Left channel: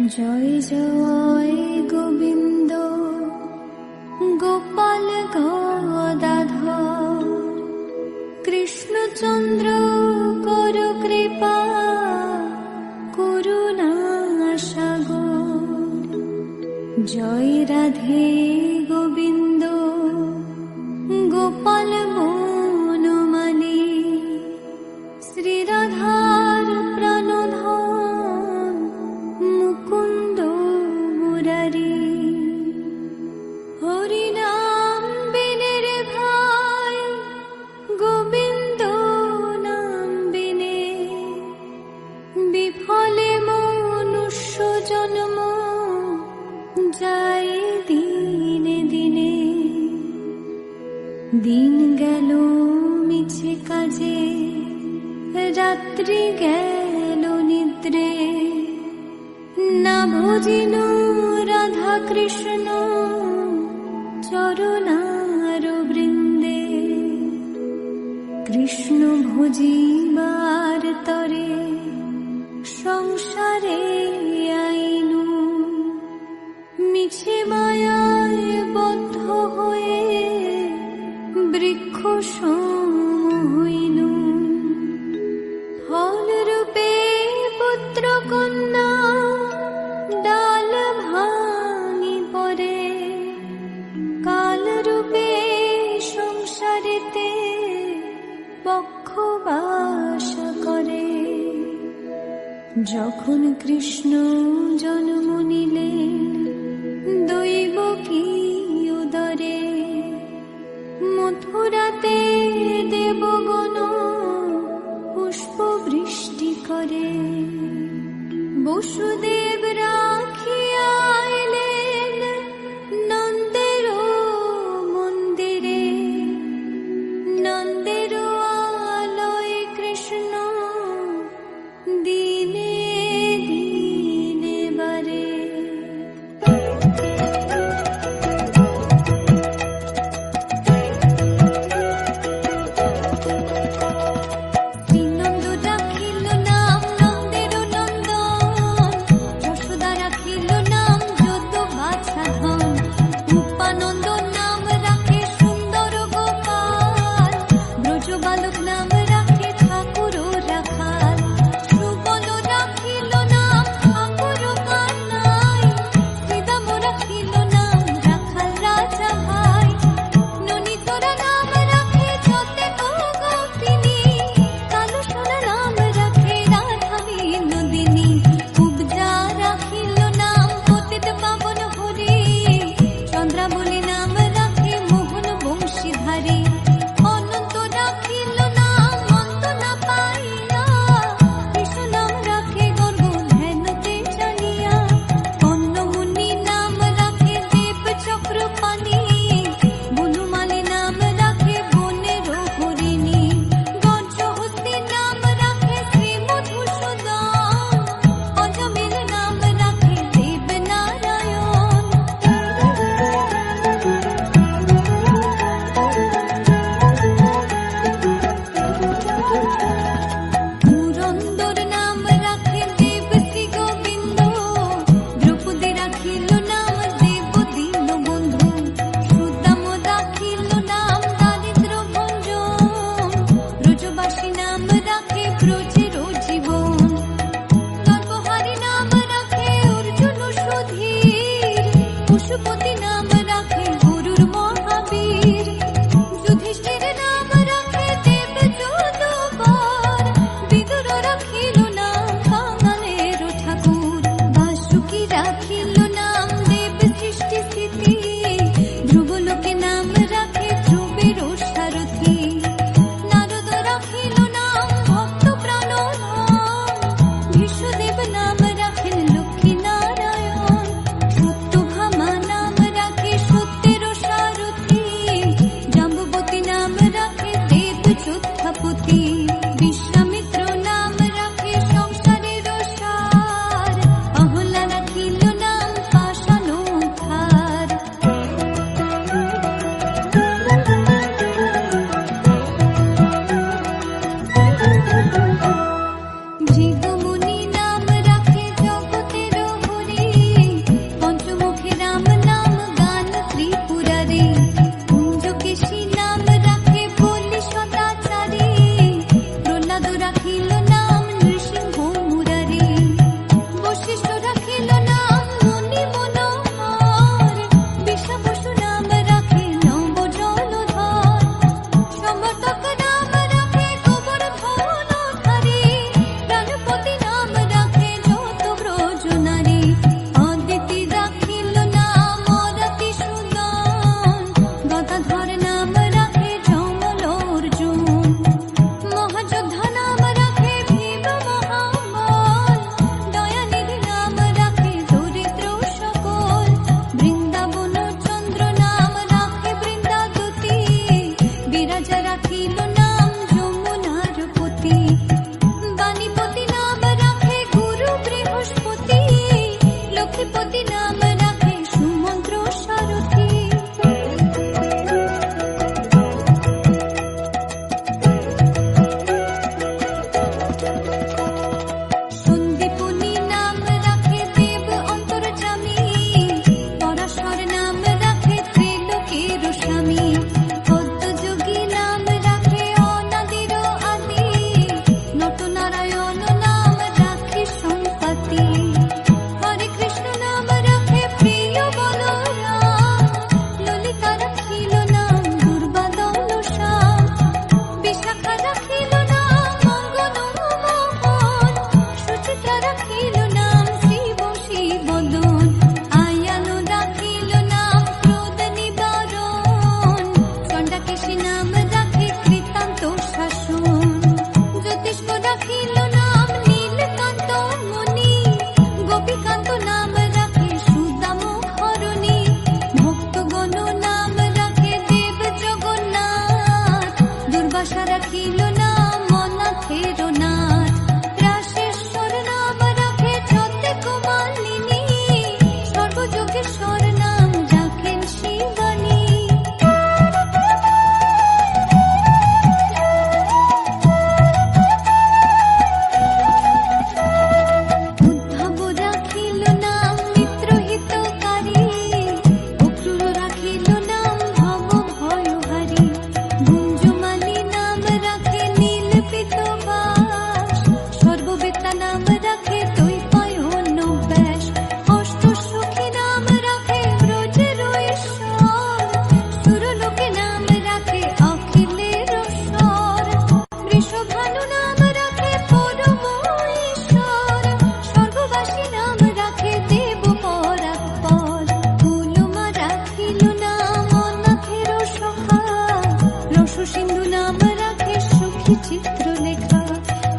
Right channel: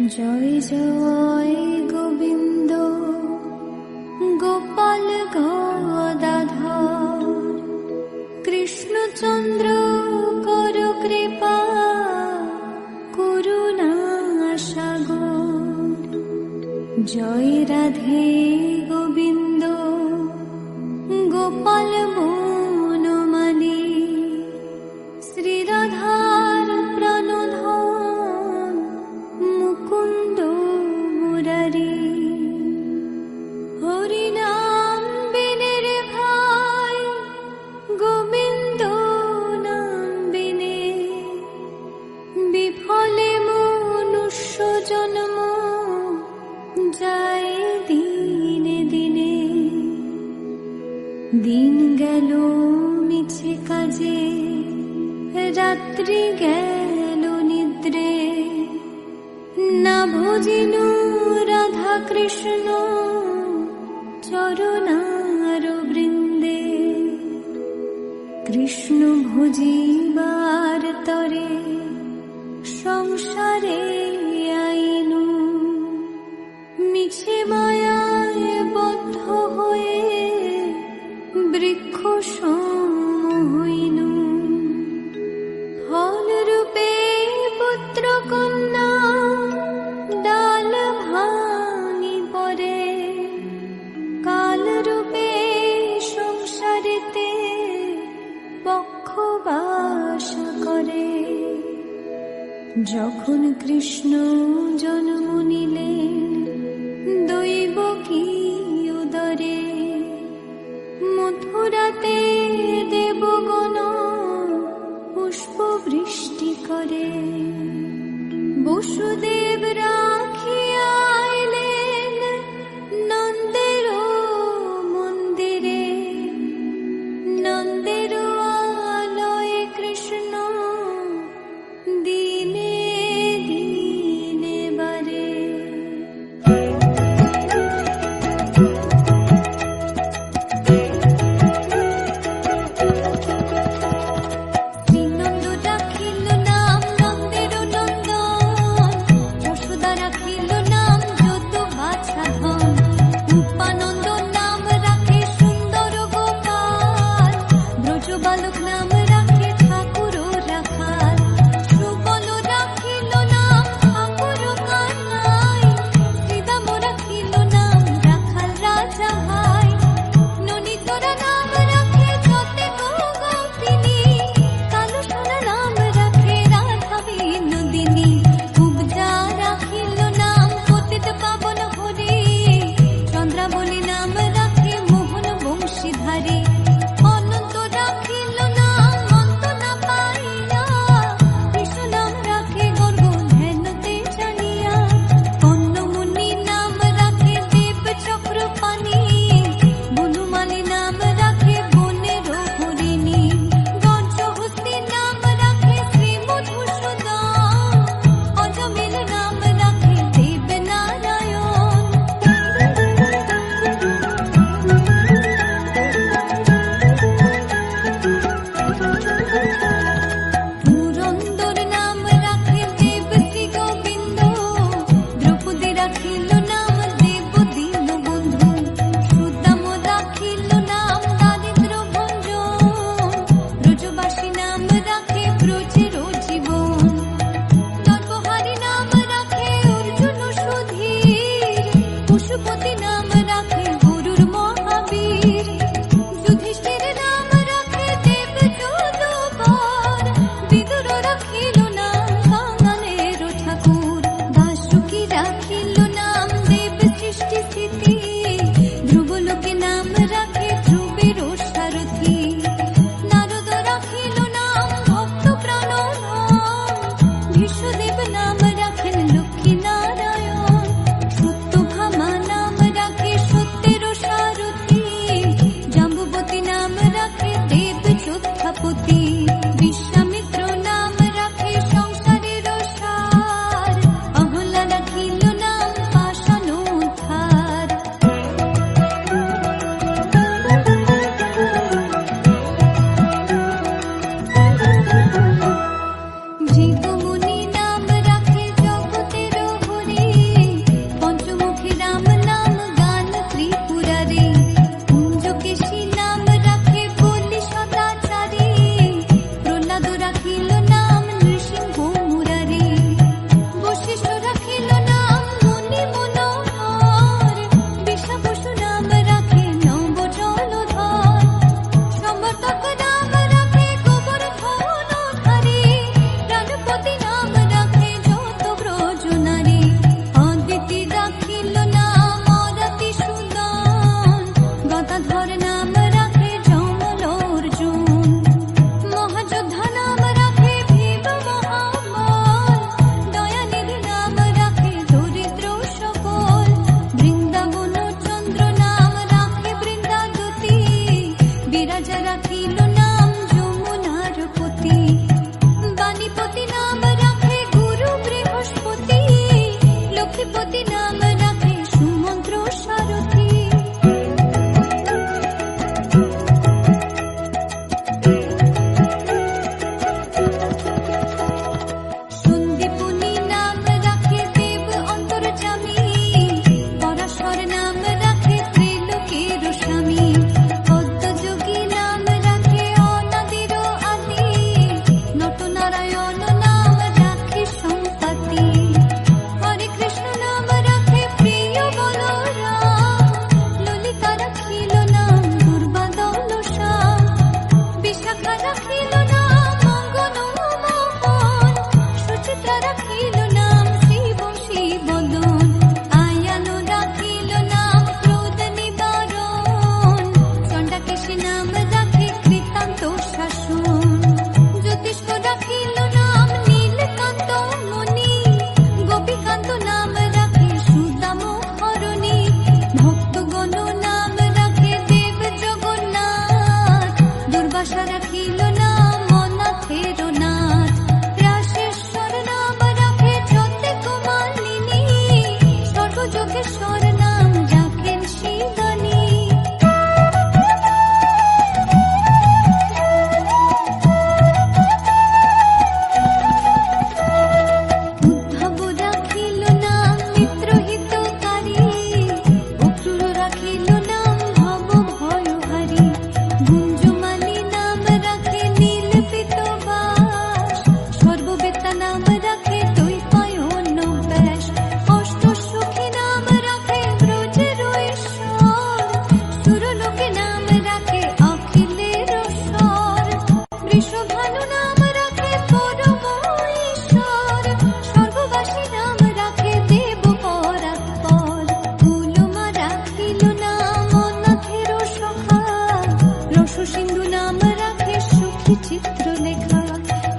জয় জয় গোবিন্দ গোপাল গদাধর কৃষ্ণচন্দ্র কর কৃপা করুণা সাগর। জয় রাধে গোবিন্দ গোপাল বনমালী শ্রীরাধার প্রাণধন মুকুন্দ মুরারি। হরিনাম বিনে রে ভাই গোবিন্দ নাম বিনে বিফলে মনুষ্য জন্ম যায় দিনে দিনে। দিন গেল মিছে কাজে রাত্রি গেল নিদ্রে না ভজিনু রাধা কৃষ্ণ চরণার বৃন্দে। কৃষ্ণ ভজিবার তরে সংসারে আইনু মিছে মায়ায় বদ্ধ হয়ে বৃক্ষ সম হইনু। ফল রূপে পুত্র কন্যা ডাল ভাঙি পরে কাল রূপে সংসারেতে বক্ষবাস করে। যখন কৃষ্ণ জন্ম নিলেন দৈব কি উদরে মথুরাতে দেবগণ পুষ্প বৃষ্টি করে। বসুদেব রাখিয়া আইলেন নন্দের মন্দিরে নন্দের আলয়ে কৃষ্ণ দিনে দিনে বারে। শ্রীনন্দ রাখিল নাম নন্দের নন্দন যশোদা রাখিল নাম যদু বাছা ধন। উপানন্দ নাম রাখে সুন্দর গোপাল ব্রজ বালক নাম রাখে ঠাকুর রাখাল। সুবল রাখিল নাম ঠাকুর কানাই শ্রীদাম রাখিল নাম রাখাল রাজা ভাই। ননীচরা নাম রাখে যতে গোপিনী কালো সোনা নাম রাখে রাধা বিনোদিনী। উপজা রাখিল নাম পতিত পাবন হরি চন্দ্রাবলী নাম রাখে মোহন বংশীধারী। অনন্ত রাখিল নাম অন্ত না পাইয়া কৃষ্ণ নাম রাখে গর্গ ধ্যানতে জানিয়া। কর্ণমুনি নাম রাখে দেব চক্রপাণি বনমালী নাম রাখে বনের হরিণী। গঞ্জহস্তি নাম রাখে শ্রী মধুসূদন অজমিল নাম রাখে দেব নারায়ণ। পুরন্দর নাম রাখে দেব শ্রী গোবিন্দ দ্রৌপদী রাখিল নাম দেব দীন বন্ধু। সুদাম রাখিল নাম দারিদ্র ভঞ্জন ব্রজবাসী নাম রাখে ব্রজের জীবন। নরবহারী নাম রাখে অর্জুন সুধীর পশুপতি নাম রাখে গরুর মহাবীর। যুধিষ্ঠির নাম রাখে দেব যদুবর বিদুর রাখিল নাম কাঙালের ঠাকুর। বাসুকি রাখিল নাম দেব সৃষ্টি স্থিতি ধ্রুবলোকে নাম রাখে ধ্রুবের সারথি। নারদ রাখিল নাম ভক্ত প্রাণধন বিশ্বদেব নাম রাখেন লক্ষ্মী নারায়ণ। সত্যভামা নাম রাখে সত্যের সারথি জাম্বুবতী নাম রাখে দেব যোদ্ধাপতি। বিশ্বামিত্র নাম রাখে সংসারের সার অহল্যা রাখিল নাম পাষাণ উদ্ধার। ভৃগুমুনি নাম রাখে জগতের হরি রাখিল নাম নৃসিংহ মুরারি, বশিষ্ঠ রাখিল নাম মুনি মনোহর, বিষা বসু নাম রাখে নব জলধর, সমর্থক নাম রাখে গোবর্ধন ধারী, প্রাণপতি নাম রাখে যত ব্রজ নারী, অদিতি রাখিল নাম অরাতি সুদন, গদাধর নাম রাখে যমল অর্জুন, মহাযোদ্ধা নাম রাখে ভীম মহাবল, দয়ানিধি নাম রাখে দরিদ্র সকল, বৃন্দাবন চন্দ্র নাম রাখে বৃন্দাদতী, বিরাজা রাখিল নাম যমুনার পতি, বাণীপতি নাম রাখে গুরু বৃহস্পতি, লক্ষ্মীপতি নাম রাখে সুমন্ত্র সারথী। সন্দীপনী নাম রাখে দেব অন্তর্যামী, পরাশর নাম রাখে ত্রিলোকের স্বামী, পদ্মযোগী নাম রাখে অনাদির আদি, নটনারায়ণ নাম রাখে সম্পত্তি, হরে কৃষ্ণ নাম রাখে প্রিয় বলরাম, ললিতা রাখিল নাম দুর্বাদল শ্যাম, বিশাখা রাখিল নাম মঙ্গন মোহন, সুচিত্রা রাখিল নাম শিব শিবদন, আয়ান রাখিল নাম ক্রোধ নিবারণ, চণ্ডাকেশী নাম রাখে কৃতান্ত শাসন, জ্যোতিষ্ক রাখিল নাম নীলকান্ত মুনি, গোপীকান্ত নাম রাখে সুদাম হরণী, ভক্তগণ নাম রাখে দেব জগন্নাথ, দুর্বাসা রাখিল নাম অনাথের নাথ, রাশেশ্বর নাম রাখে যতে কুমালিনী, সর্বযোগেশ্বর নাম রাখেন শিবানী। উদ্ধব রাখিল নাম মিত্রহিতকারী, অক্রূর রাখিল নাম ভব ভয়হারী, গুঞ্জমালী নাম রাখে নীল পিতবাস, সর্ববেত্তা নাম রাখে দৈপায়ন ব্যাস, অষ্ট সখী নাম রাখে ব্রজের ঈশ্বর, সুরলোকে নাম রাখে অখিলের স্বর, বৃষভানু নাম রাখে পরম ঈশ্বর, স্বর্গবাসী নাম রাখে দেব পরাৎপর, কুলমা রাখিল নাম অনাথের সখা, রস সিন্ধু নাম রাখে সুখী চিত্রলেখা,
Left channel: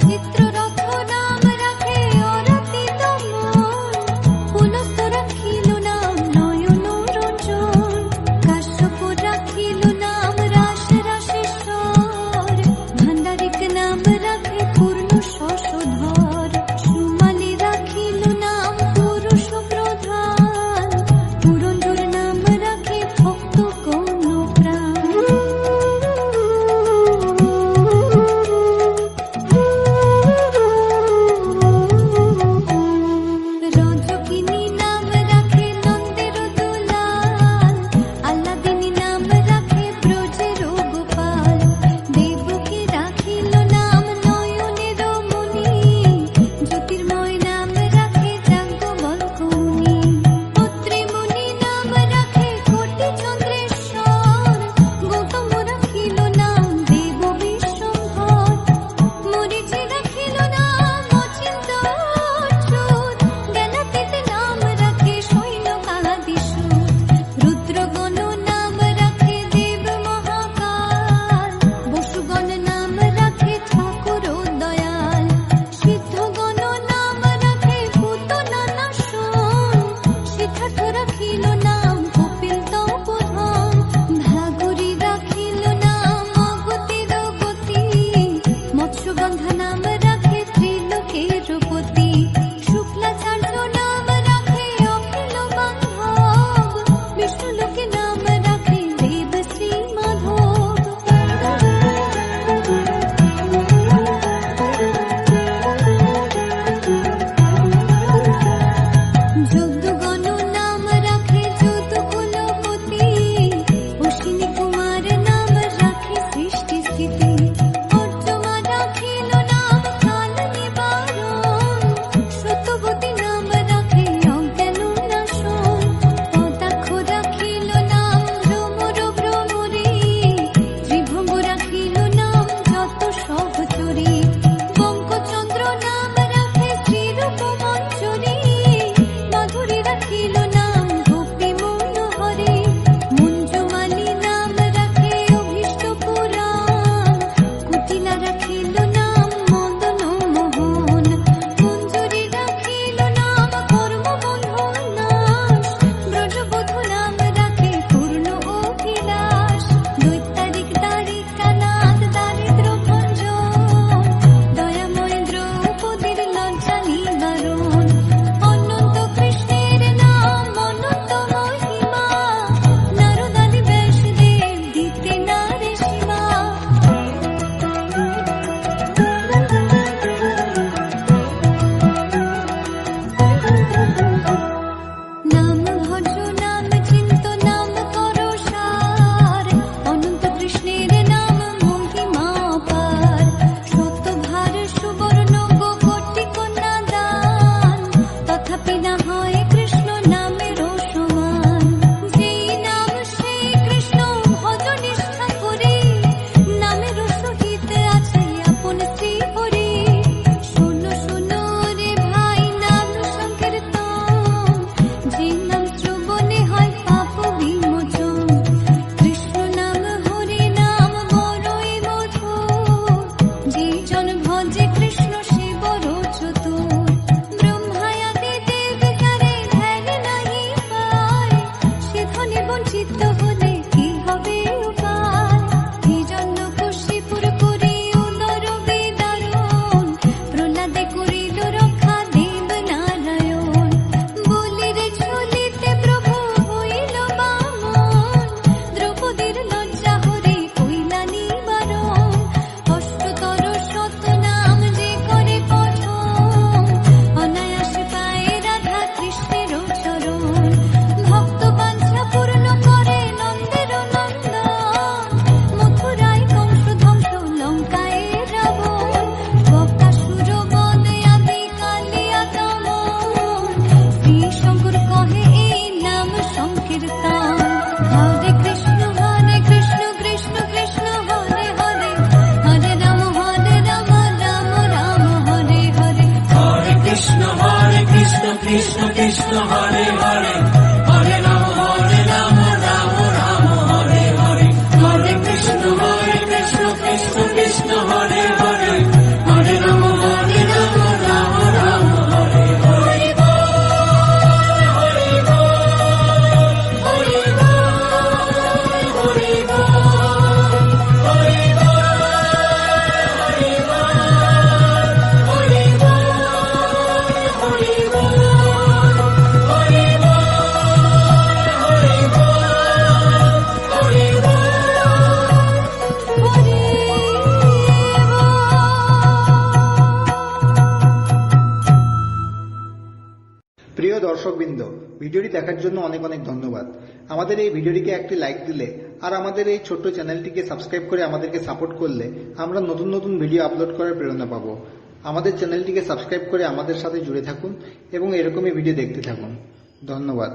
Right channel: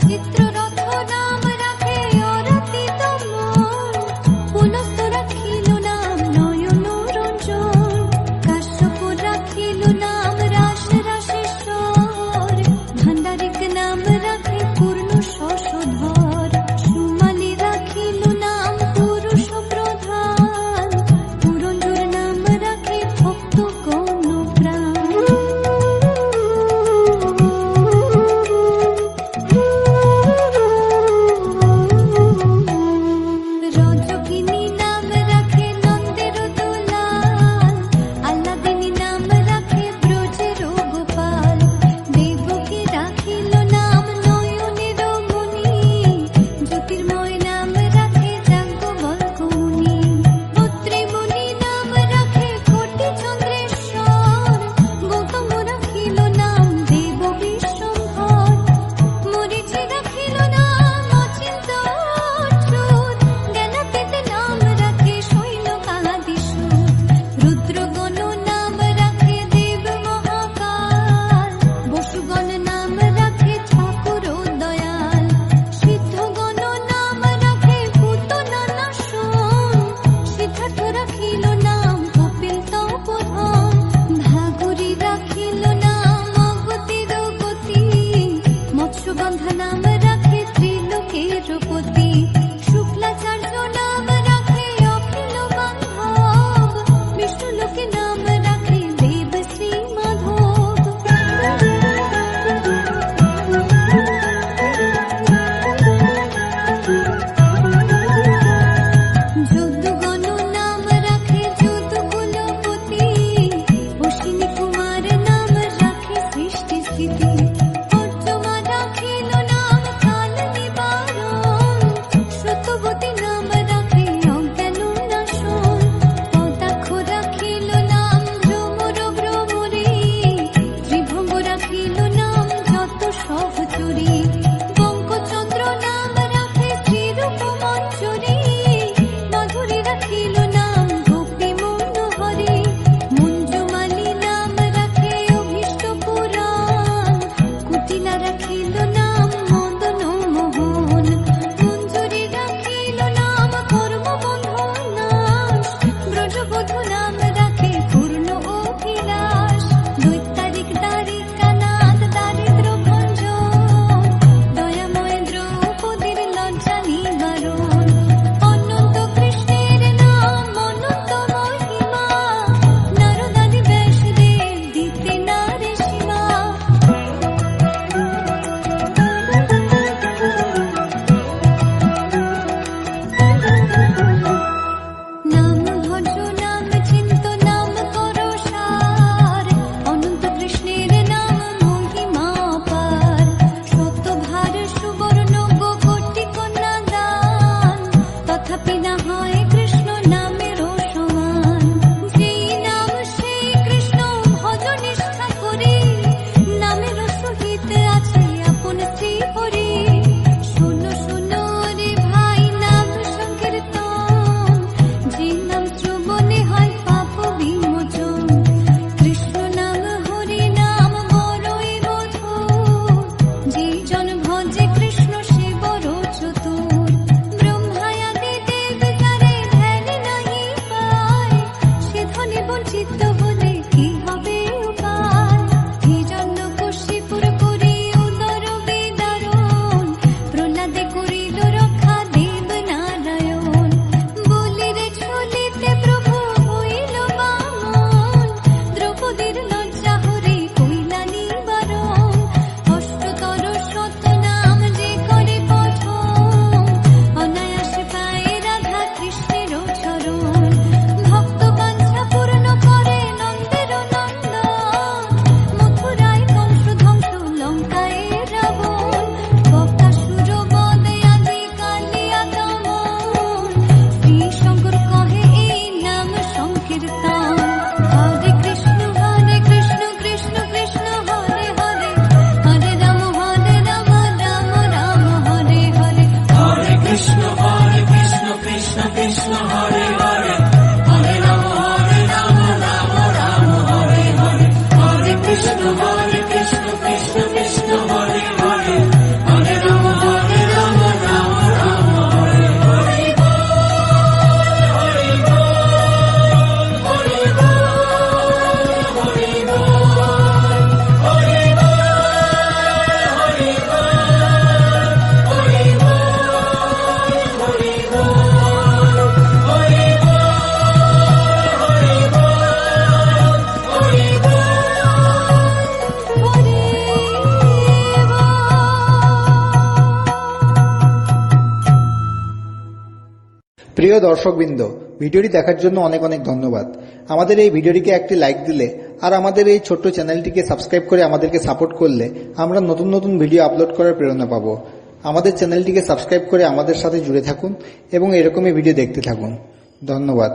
চিত্ররথ নাম রাখে অরাতি দমন, পুলস্ত রাখিল নাম নয়ন রঞ্জন, কাশ্যপ রাখিল নাম রাস রাশেশ্বর, ভান্ডারিক নাম রাখে পূর্ণ শশধর, সুমালি রাখিল নাম পুরুষ প্রধান, পুরঞ্জুর নাম রাখে ভক্ত গণ প্রাণ। রজকিনী নাম রাখে নন্দের দুলাল, আল্লাদিনী নাম রাখে ব্রজের গোপাল, দেবকী রাখিল নাম নয়নের মুনি, জ্যোতির্ময় নাম রাখে যাজ্ঞবল্ক্য মুনি, পত্রিমুনি নাম রাখে কোটি চন্দ্রেশ্বর, গৌতম রাখিল নাম দেব বিশ্বম্ভর, মরীচি রাখিল নাম অচিন্ত অচ্যুত, জ্ঞানাতীত নাম রাখে সৈন্যকাদিসূত, রুদ্রগণ নাম রাখে দেব মহাকাল, বসুগণ নাম রাখে ঠাকুর দয়াল, সিদ্ধগণ নাম রাখে পুতনা নাশন, সিদ্ধার্থ রাখিল নাম কপিল তপোধন, ভাগুরি রাখিল নাম অগতির গতি, মৎস্যগন্ধা নাম রাখে ত্রিলোকের পতি, শুক্লাচার্য নাম রাখে অখিল বান্ধব, বিষ্ণুলোকে নাম রাখে দেব শ্রী মাধব। যদুগণ নাম রাখে যদুকুলপতি, অশ্বিনী কুমার নাম রাখে সৃষ্টি স্থিতি, অর্জমা রাখিল নাম চুরি, বঙ্কচন্দ্র নাম রাখে শ্রীরূপ মঞ্জুরি, মাধুরী রাখিল নাম গোপী মনোহরি, মঞ্জুমালী নাম রাখে অভীষ্ট পুরাণ, কুটিলা রাখিল নাম মদন মোহন, মঞ্জুরি রাখিল নাম কর্মবন্ধু নাশ, ব্রজবধূ নাম রাখে পূর্ণ অভিলাষ, দৈত্যারিক দ্বারিকানাথ দারিদ্র ভঞ্জন, দয়াময় দ্রৌপদীর লজ্জা নিবারণ, অনন্ত কৃষ্ণের নাম অনন্ত মহিমা, নারদাদি ব্যাসদেব দিতে নারে সীমা। নাম ভজ নাম চিন্ত নাম করো সার, অনন্ত কৃষ্ণের নাম মহিমা পার, শতভার সুবর্ণ কোটি কন্যা দান, তথাপি না হয় কৃষ্ণ নামের সমান, যেই নাম সেই কৃষ্ণ ভজ নিষ্ঠা করি, নামের সহিত আছে আপন শ্রী হরি, শোনো শোনো রে ভাই নাম সংকীর্তন, যে নাম শ্রবণে হয় পাপ বিমোচন, কৃষ্ণ নাম হরি নাম বড়ই মধুর, যে জন ভজে কৃষ্ণ সে বড় চতুর, ব্রহ্মায়াদি দেব যারে ধ্যান নাহি পায়, সে ধনে বঞ্চিত হলে কি হবে উপায়, হিরণ্যকশিপুর করি উদর বিদারণ, প্রহ্লাদে করিল রক্ষা দেব নারায়ণ, বলিরে চলিতে প্রভু হইল বামন, দ্রৌপদীর লজ্জা হরে কইলা নিবারণ, অষ্টতর শত নাম যে করে পঠন, অনায়াসে পায় রাধা কৃষ্ণের চরণ, ভক্ত বাঞ্ছা পূর্ণ করে নন্দের নন্দন, মথুরায় কংস ধ্বংস লঙ্কায় রাবণ, বকাসুর বদে আদি কালিয়া দমন, শ্রী শঙ্কর কহে এই নাম সংকীর্তন, হরে কৃষ্ণ কৃষ্ণ কৃষ্ণ হরে হরে, হরে রাম রাম রাম হরে হরে, হরে কৃষ্ণ কৃষ্ণ কৃষ্ণ হরে হরে, হরে রাম রাম রাম হরে হরে, হরে কৃষ্ণ কৃষ্ণ কৃষ্ণ হরে হরে, হরে রাম রাম রাম হরে হরে। প্রিয় দর্শকবৃন্দ, ভিডিওটি দেখার জন্য অনেক অনেক ধন্যবাদ। আমাদের এই ভিডিওটিকে একটি লাইক দিলে আর আমাদের এই ছোট্ট চ্যানেলটিকে সাবস্ক্রাইব করে আমাদেরকে সাপোর্ট করলে আমরা নতুন নতুন ভিডিও আপলোড করার প্রেরণা পাবো। আমাদের চ্যানেলটিকে সাবস্ক্রাইব করে আমাদের সাথে জুড়ে থাকুন এবং এরকমই ভিডিও দেখতে থাকুন। ধন্যবাদ।